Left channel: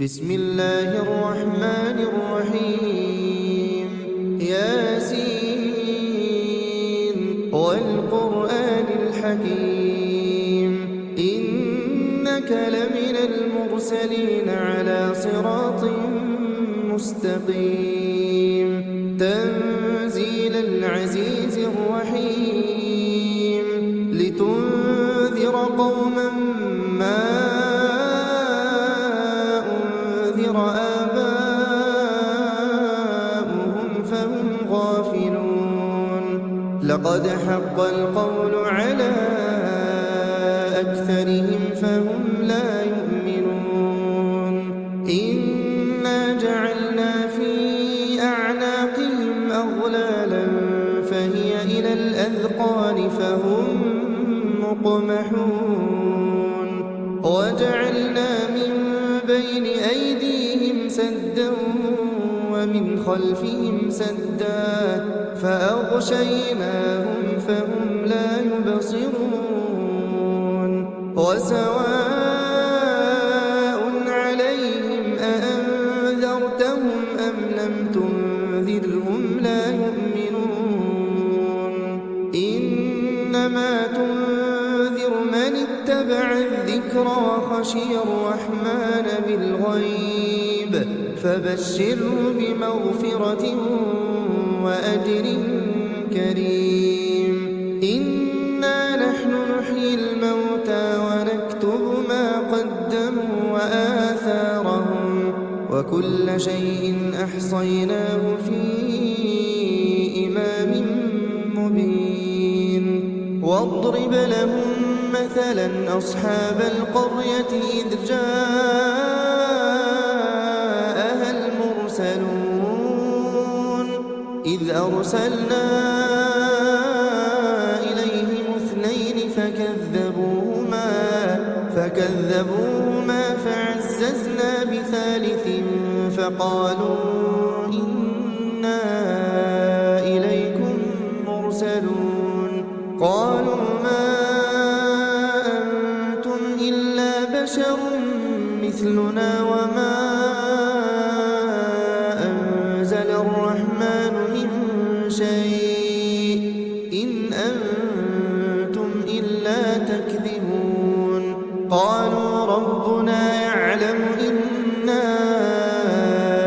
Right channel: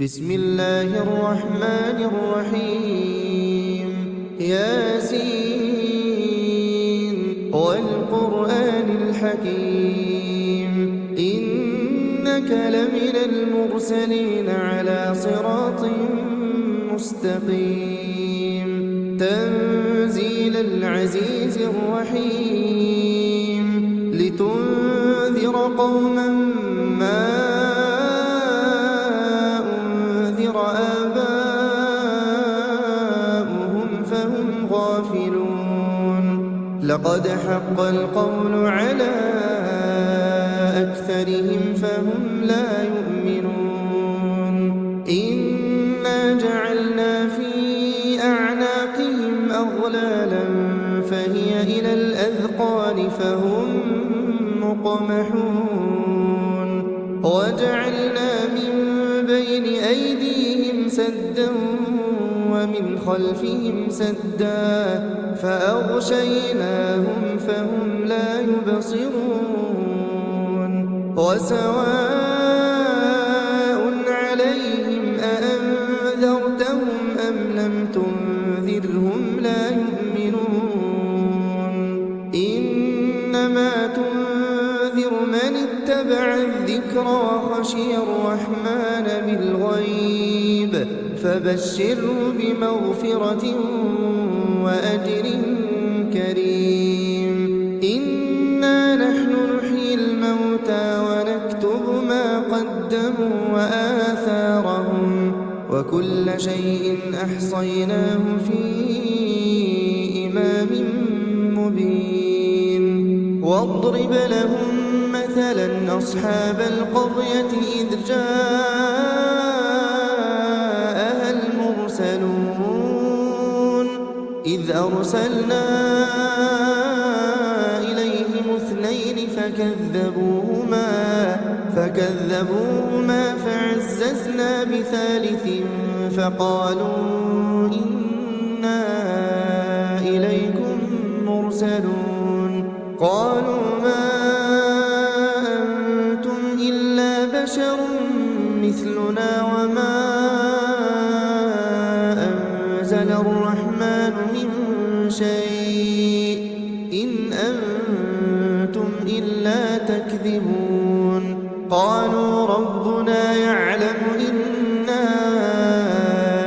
بسم الله الرحمن الرحيم ياسين والقرآن الحكيم إنك لمن المرسلين على صراط مستقيم تنزيل العزيز الرحيم لتنذر قوما ما آباؤهم فهم غافلون لقد حق القول على أكثرهم فهم لا يؤمنون إنا جعلنا في أعناقهم أغلالا فهي إلى الأذقان فهم مقمحون وجعلنا من بين أيديهم سدا ومن خلفهم سدا فأغشيناهم فهم لا يبصرون وسواء عليهم أأنذرتهم أم لم تنذرهم لا يؤمنون إنما تنذر من اتبع الذكر وخشي الرحمن بالغيب فبشره بمغفرة وأجر كريم إنا نحن نحيي الموتى ونكتب ما قدموا وآثارهم وكل شيء أحصيناه في إمام مبين واضرب لهم مثلا أصحاب القرية إذ جاءها المرسلون إذ أرسلنا إليهم اثنين فكذبوهما فعززنا بثالث فقالوا إنا إليكم مرسلون قالوا ما أنتم إلا بشر مثلنا وما أنزل الرحمن من شيء إن أنتم إلا تكذبون قالوا ربنا يعلم إنا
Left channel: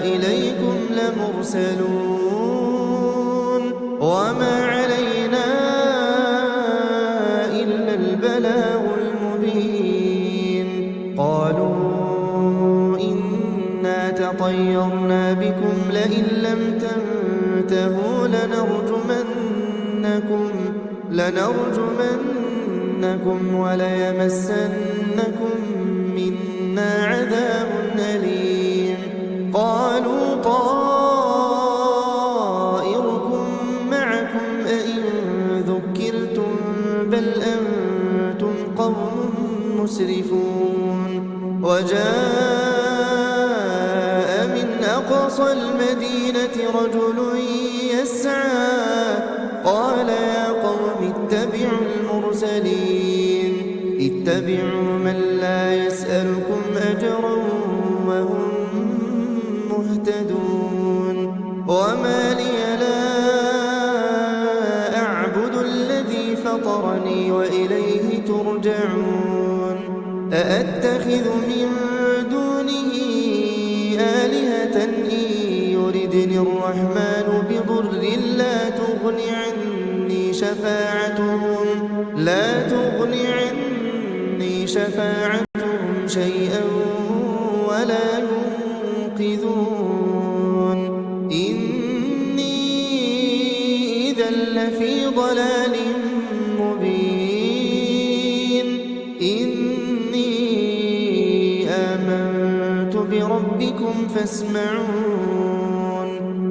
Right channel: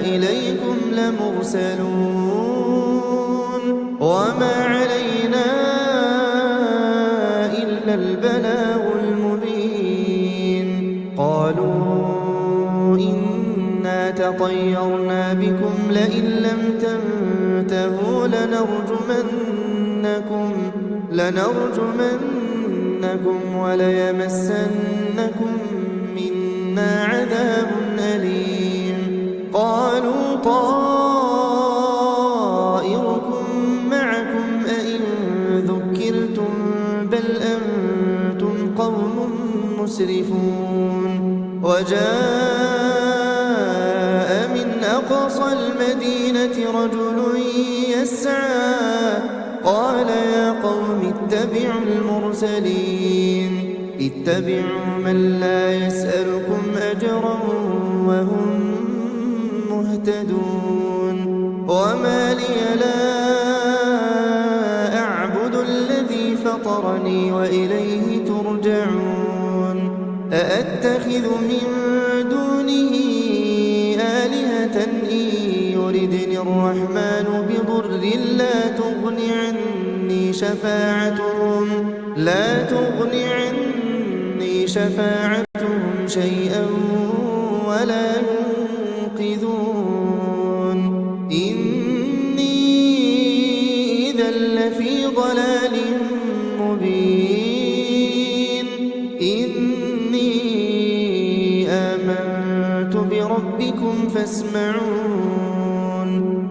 إليكم لمرسلون وما علينا إلا البلاغ المبين قالوا إنا تطيرنا بكم لئن لم تنتهوا لنرجمنكم وليمسنكم منا عذاب أليم قالوا طائركم معكم أئن ذكرتم بل أنتم قوم مسرفون وجاء من أقصى المدينة رجل يسعى قال يا قوم اتبعوا المرسلين اتبعوا من لا يسألكم أجرا وهم مهتدون وما لي لا أعبد الذي فطرني وإليه ترجعون أأتخذ من دونه آلهة إن يردني الرحمن بضر لا تغن عني شفاعتهم شيئا ولا ينقذون إني إذا لفي ضلال مبين إني آمنت بربكم فاسمعون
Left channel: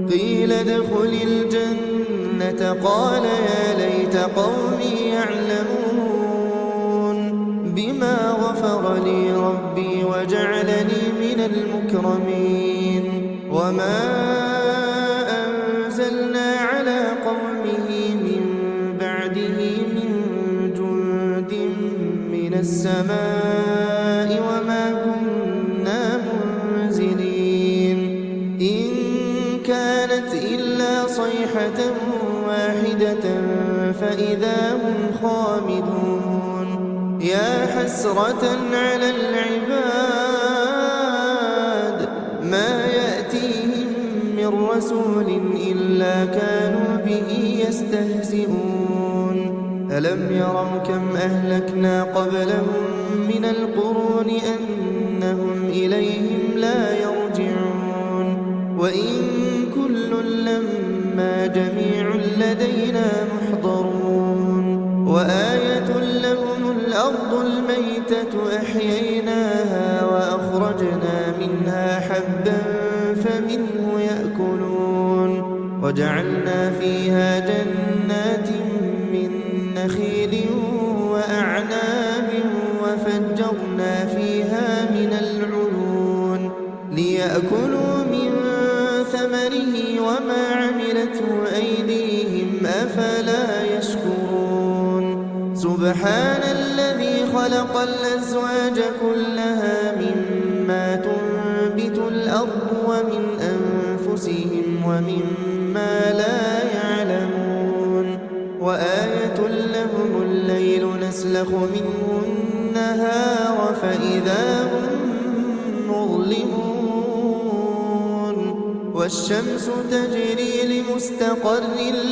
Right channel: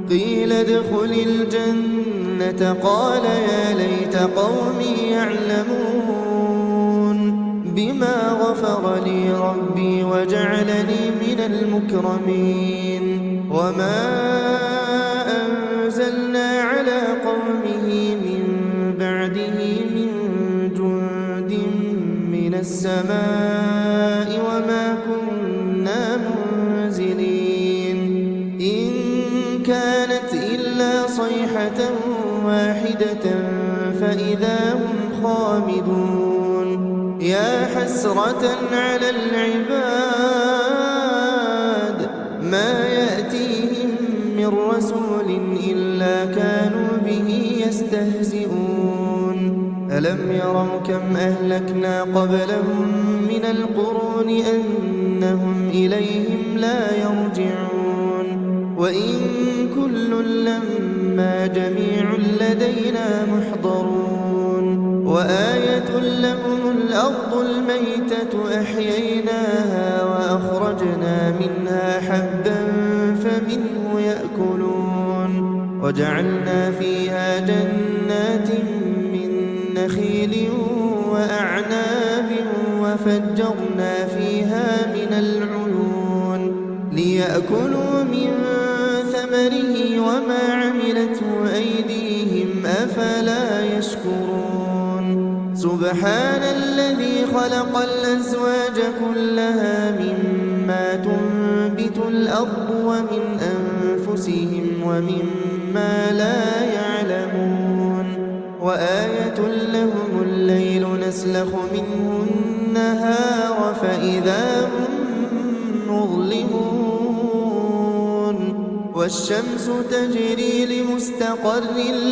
قيل ادخل الجنة قال يا ليت قومي يعلمون بما غفر لي ربي وجعلني من المكرمين وما أنزلنا على قومه من بعده من جند من السماء وما كنا منزلين صيحة واحدة فإذا هم خامدون يا حسرة على العباد ما يأتيهم من رسول إلا كانوا به يستهزئون ألم يروا كم أهلكنا قبلهم من القرون أنهم إليهم لا يرجعون وإن كل لما جميع لدينا محضرون وآية لهم الأرض الميتة أحييناها وأخرجنا منها حبا فمنه يأكلون وجعلنا فيها جنات من نخيل وأعناب وفجرنا فيها من العيون ليأكلوا من ثمره وما عملته أيديهم أفلا يشكرون سبحان الذي خلق الأزواج كلها مما تنبت الأرض ومن أنفسهم ومما لا يعلمون وآية لهم الليل نسلخ منه النهار فإذا هم مظلمون والشمس تجري لمستقر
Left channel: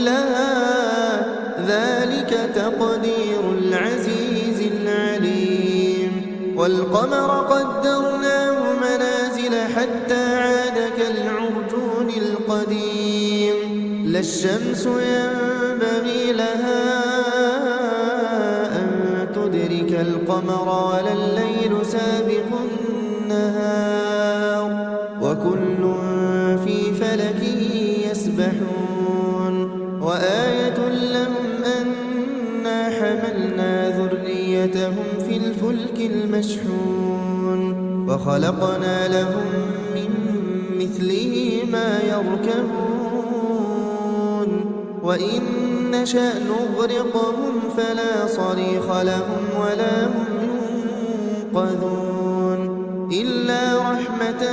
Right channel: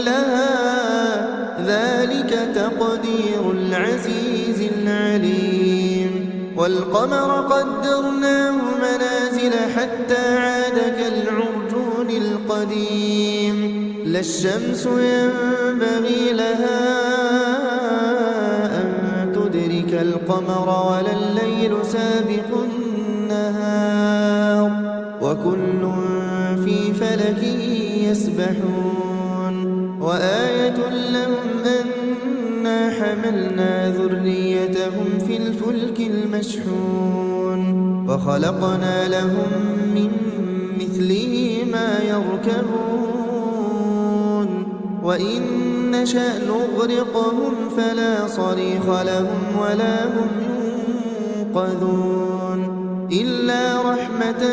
لها ذلك تقدير العزيز العليم والقمر قدرناه منازل حتى عاد كالعرجون القديم لا الشمس ينبغي لها أن تدرك القمر ولا الليل سابق النهار وكل في فلك يسبحون وآية لهم أنا حملنا ذريتهم في الفلك المشحون وخلقنا لهم من مثله ما يركبون وإن نشأ نغرقهم فلا صريخ لهم ولا هم ينقذون إلا رحمة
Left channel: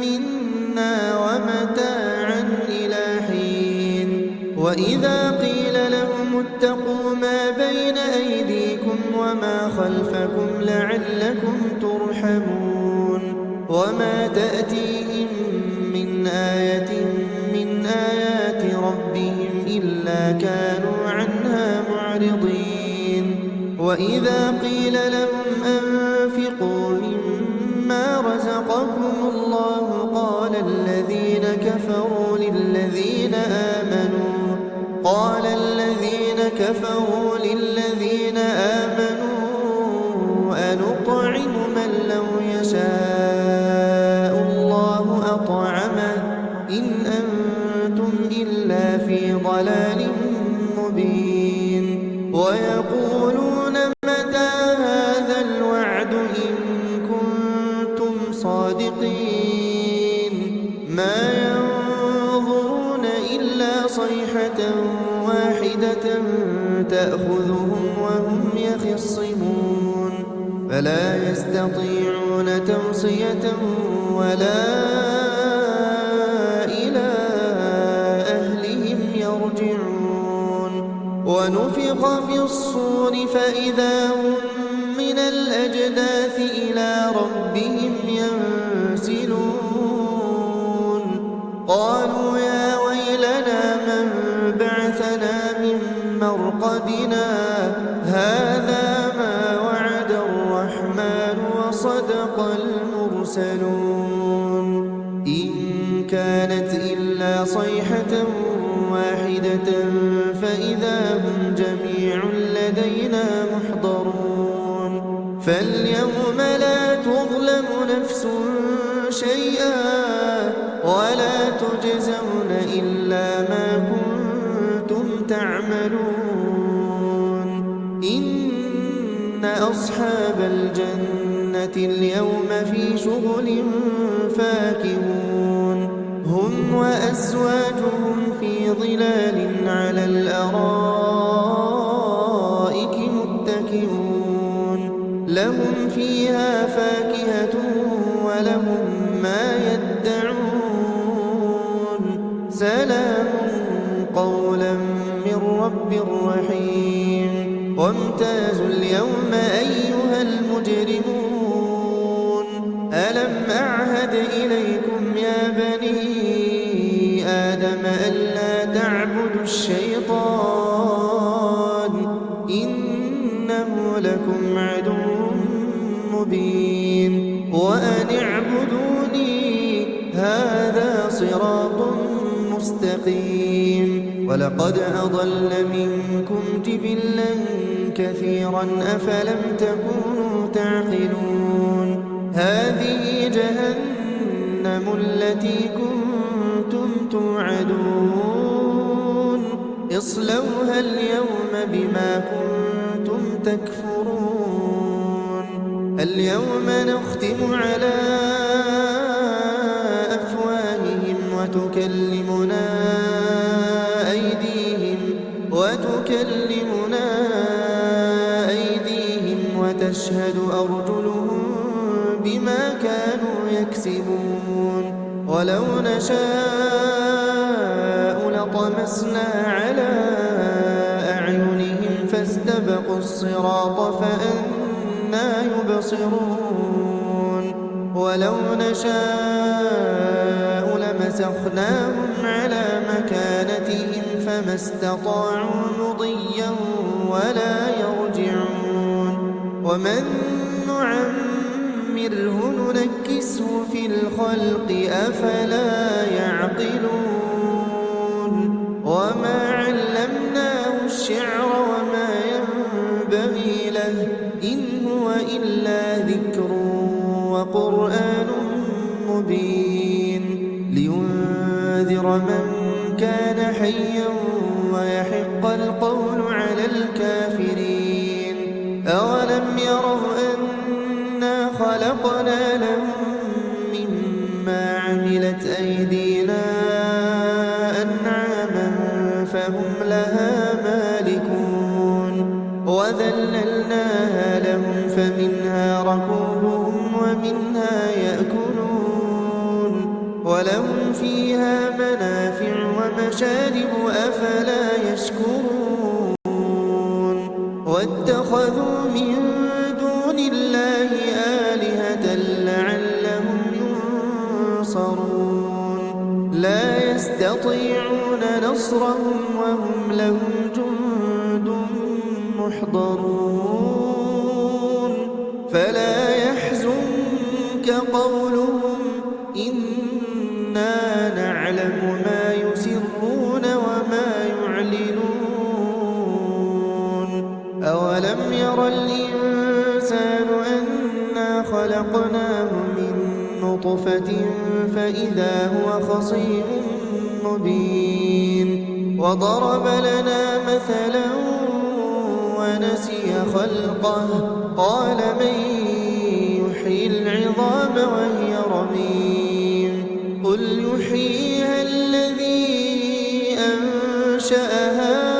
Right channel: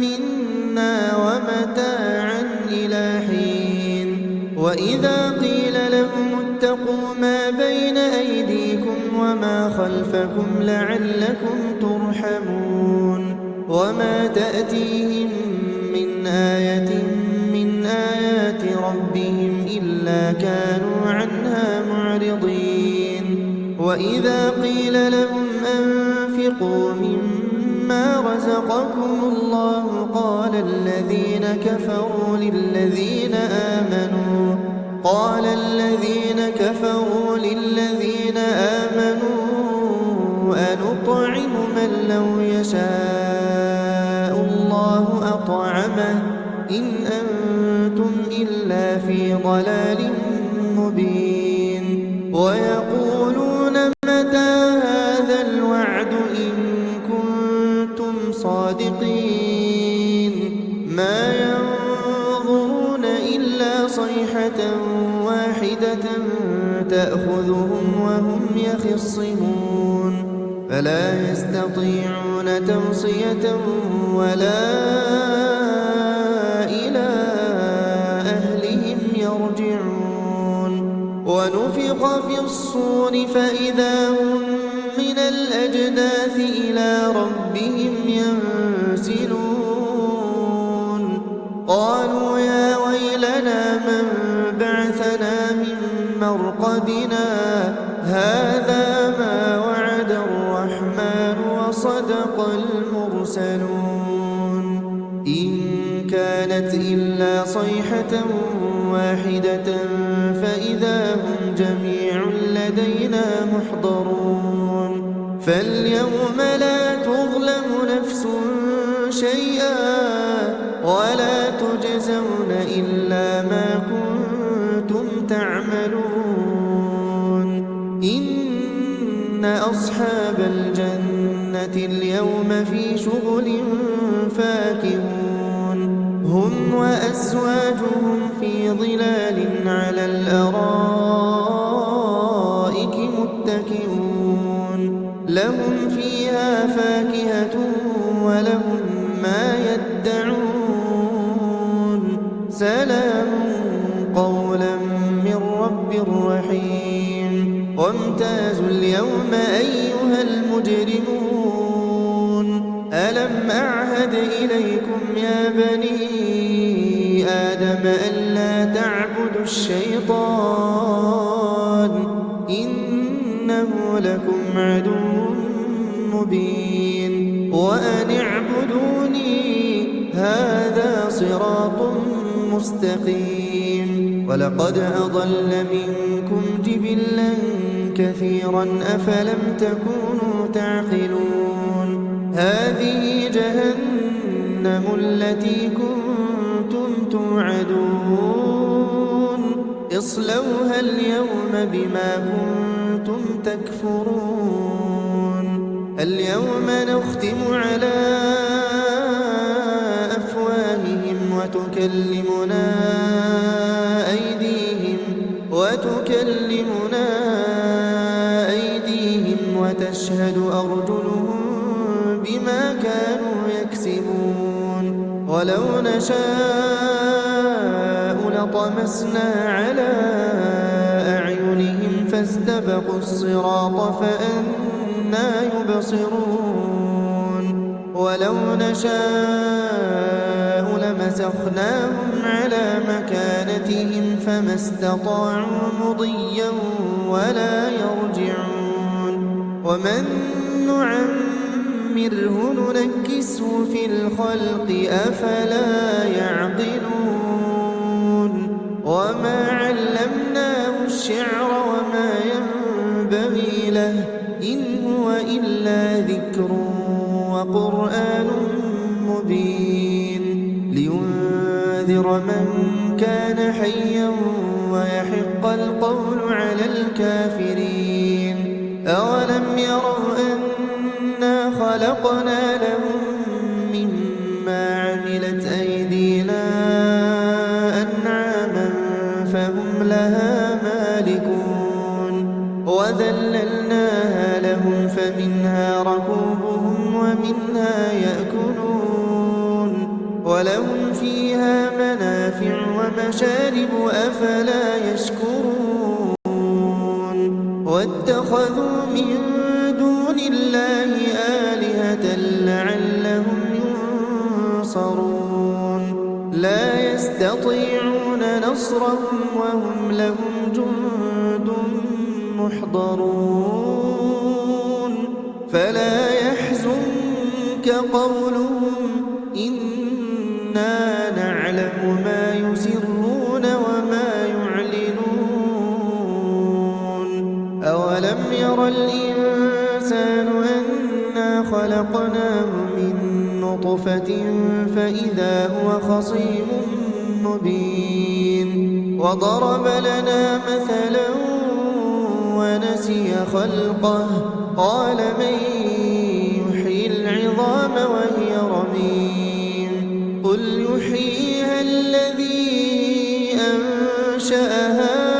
منا ومتاعا إلى حين وإذا قيل لهم اتقوا ما بين أيديكم وما خلفكم لعلكم ترحمون وما تأتيهم من آية من آيات ربهم إلا كانوا عنها معرضين وإذا قيل لهم أنفقوا مما رزقكم الله قال الذين كفروا للذين آمنوا أنطعم من لو يشاء الله أطعمه إن أنتم إلا في ضلال مبين ويقولون متى هذا الوعد إن كنتم صادقين ما ينظرون إلا صيحة واحدة تأخذهم وهم يخصمون فلا يستطيعون توصية ولا إلى أهلهم يرجعون ونفخ في الصور فإذا هم من الأجداث إلى ربهم ينسلون قالوا يا ويلنا من بعثنا من مرقدنا هذا ما وعد الرحمن وصدق المرسلون إن كانت إلا صيحة واحدة فإذا هم جميع لدينا محضرون فاليوم لا تظلم نفس شيئا ولا تجزون إلا ما كنتم تعملون إن أصحاب الجنة اليوم في شغل فاكهون هم وأزواجهم في ظلال على الأرائك متكئون لهم فيها فاكهة ولهم ما يدعون سلام قولا وامتازوا اليوم أيها المجرمون ألم أعهد إليكم يا بني آدم ألا تعبدوا الشيطان إنه لكم عدو مبين وأن اعبدوني هذا صراط مستقيم ولقد أضل منكم جبلا كثيرا أفلم تكونوا تعقلون هذه جهنم التي كنتم توعدون اصلوها اليوم بما كنتم تكفرون اليوم نختم على أفواههم وتكلمنا أيديهم وتشهد أرجلهم بما كانوا يكسبون ولو نشاء لطمسنا على أعينهم فاستبقوا الصراط فأنى يبصرون ولو نشاء لمسخناهم على مكانتهم فما استطاعوا مضيا ولا يرجعون ومن نعمره ننكسه في الخلق أفلا يعقلون وما علمناه الشعر وما ينبغي له إن هو إلا ذكر وقرآن مبين لينذر من كان حيا ويحق القول على الكافرين أولم يروا أنا خلقنا لهم مما عملت أيدينا أنعاما فهم لها مالكون وذللناها لهم فمنها ركوبهم ومنها يأكلون ولهم فيها منافع ومشارب أفلا يشكرون واتخذوا من دون الله آلهة لعلهم ينصرون لا يستطيعون نصرهم وهم لهم جند محضرون فلا يحزنك قولهم إنا نعلم ما يسرون وما يعلنون أولم ير الإنسان أنا خلقناه من نطفة فإذا هو خصيم مبين وضرب لنا مثلا ونسي خلقه قال من يحيي العظام وهي رميم قل يحييها الذي أنشأها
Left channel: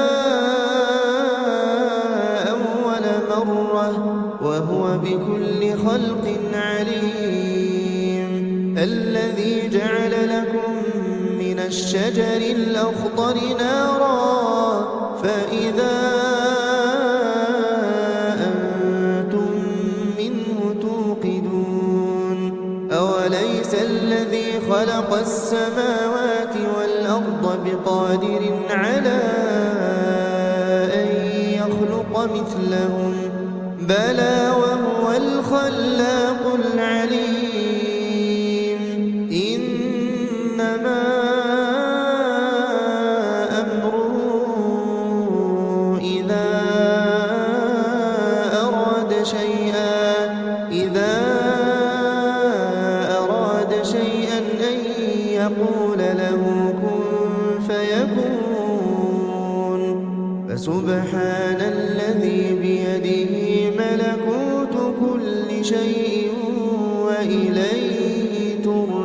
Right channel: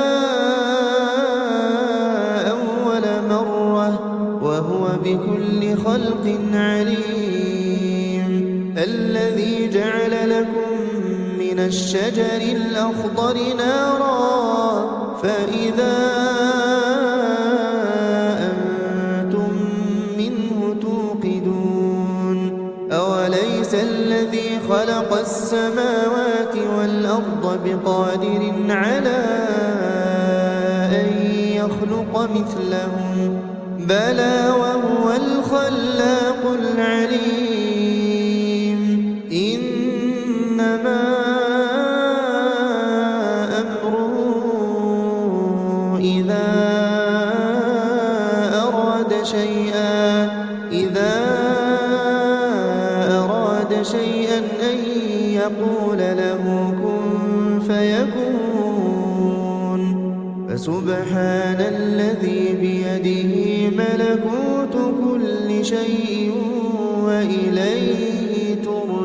أول مرة وهو بكل خلق عليم الذي جعل لكم من الشجر الأخضر نارا فإذا أنتم منه توقدون أوليس الذي خلق السماوات والأرض بقادر على أن يخلق مثلهم بلى وهو الخلاق العليم إنما أمره إذا أراد شيئا أن يقول له كن فيكون فسبحان الذي بيده ملكوت كل شيء وإليه ترجعون